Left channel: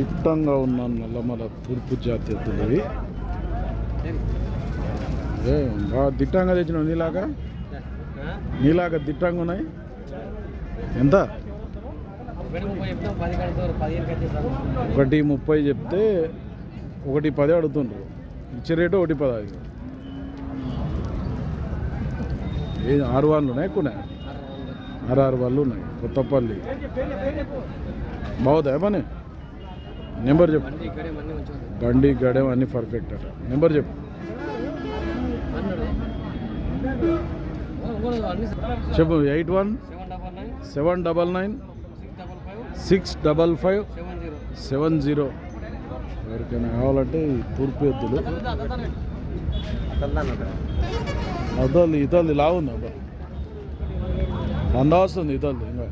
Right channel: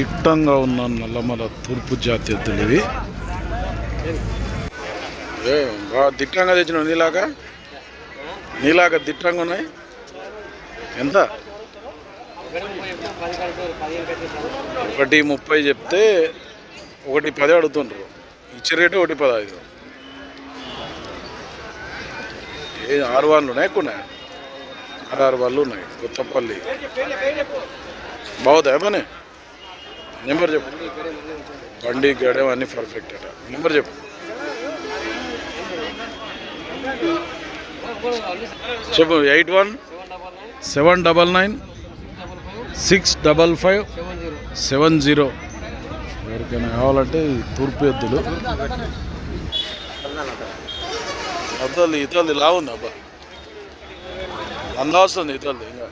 దిట్టంగా ఉన్న నల్లమల తూర్పు జాతి ఎద్దులు ఇవి. బాగా దిట్టంగా తెచ్చినావు, నీలాగా దిట్టంగా ఉన్నాయి. ఎంత? 1:30 చెప్తే 1:10 అడుగుతుండ్రు. ఇచ్చే రేటు 1:15. 6 వాళ్ళు ఉన్నాయి, ఎక్కువ ఉన్నాయి. 6 వాళ్ళు ఉన్నాయి. కొత్తపల్లి బాగుందా పని? నెంబర్ చెప్పు. బండి గడెం అన్నీ పర్ఫెక్ట్ అట. నెంబర్ చెప్పు. చెప్పు. 8179965570. ఎవరికైనా కావాలంటే ఈ తూర్పు ఎద్దులు. ఇతల్ది లావుంది అబ్బా, 100 వస్తుంది ఇతల్ది ఇంకా.